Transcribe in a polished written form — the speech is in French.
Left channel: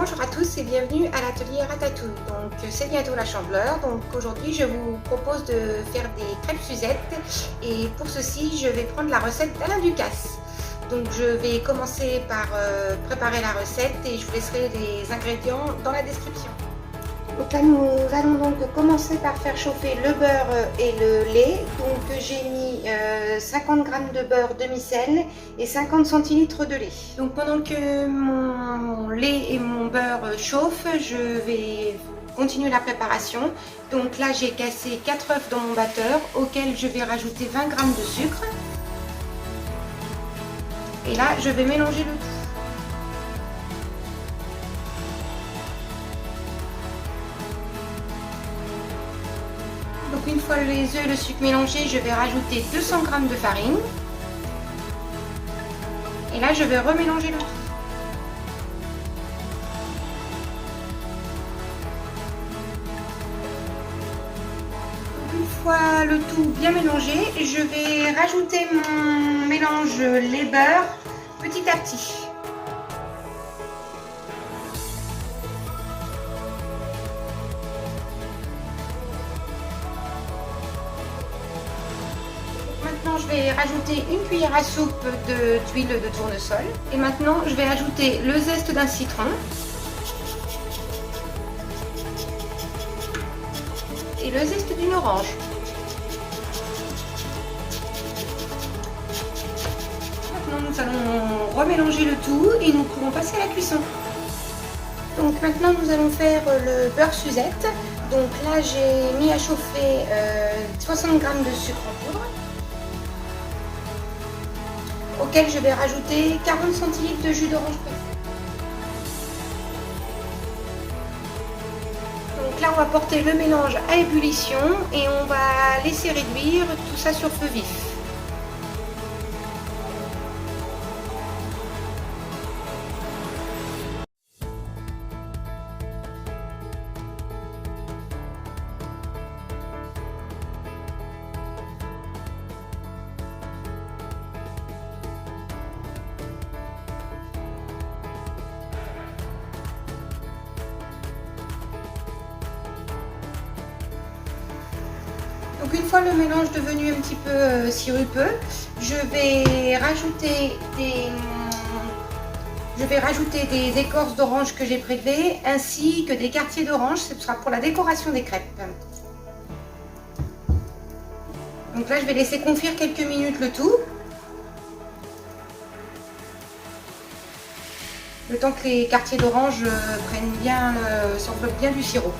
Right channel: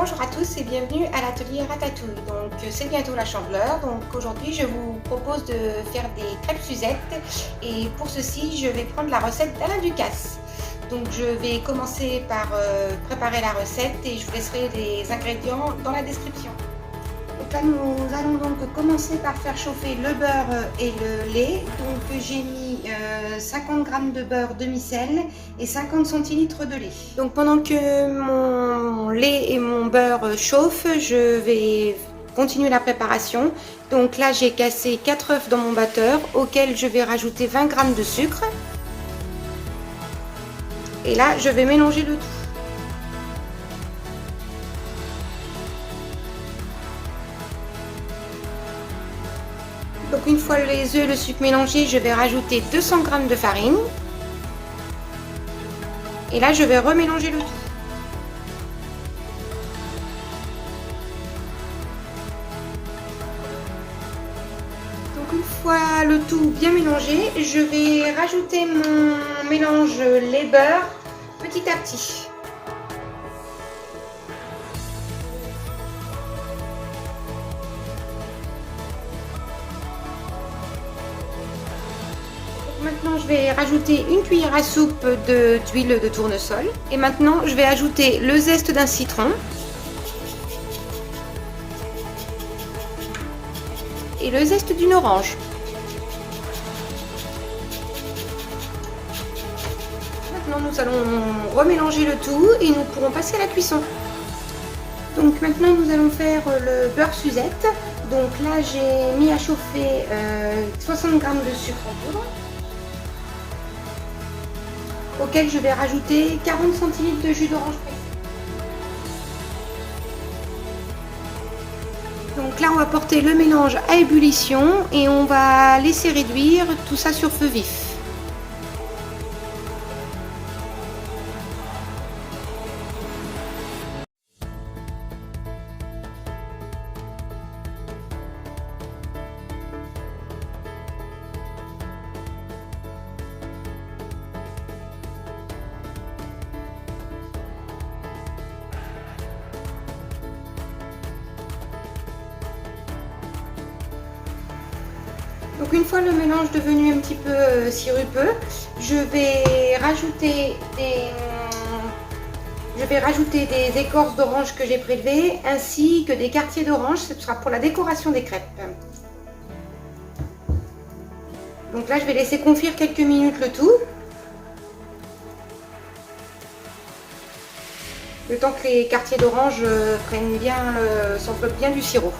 Bonjour à tous et bienvenue à l'atelier Ratatouille. Donc c'est bientôt la Chandeleur, donc aujourd'hui je vous propose de faire des crêpes Suzette et pour ceci je vais prendre la recette d'Alain Ducasse. Donc je vais commencer par préparer la recette et je vous laisserai les ingrédients dans la description. Donc là nous allons donc commencer par faire chauffer le beurre et le lait. Donc j'ai mis 50 g de beurre demi-sel et 50 centilitres de lait. Donc pendant que mon lait et mon beurre chauffent, je vais continuer la préparation. Donc là j'ai cassé 4 œufs dans mon batteur auquel je vais rajouter 20 g de sucre. Et là je vais mélanger le tout. Donc une fois les œufs et le sucre mélangés, je vais rajouter 200 g de farine. Et là, je vais remélanger le tout. Donc une fois le tout bien mélangé, je vais rajouter mon mélange lait-beurre petit à petit. Maintenant, je vais rajouter une cuillère à soupe d'huile de tournesol. Et maintenant, je vais ajouter le zeste d'un citron. Et le zeste d'une orange. Maintenant, nous allons remélanger le tout et nous pourrons passer à la cuisson. Donc maintenant, nous allons faire le beurre Suzette. Donc là, j'ai mis à chauffer 60 g de sucre en poudre, auquel je vais rajouter 40 centilitres de jus d'orange pressé. Donc là, on va porter le mélange à ébullition et on va laisser réduire tout ça sur feu vif. Donc une fois le mélange devenu un petit peu sirupeux, je vais rajouter des écorces d'orange que j'ai prélevées ainsi que des quartiers d'orange. Ce sera pour la décoration des crêpes. Donc là, je vais laisser confire quelques minutes le tout, le temps que les quartiers d'orange s'enveloppent bien du sirop.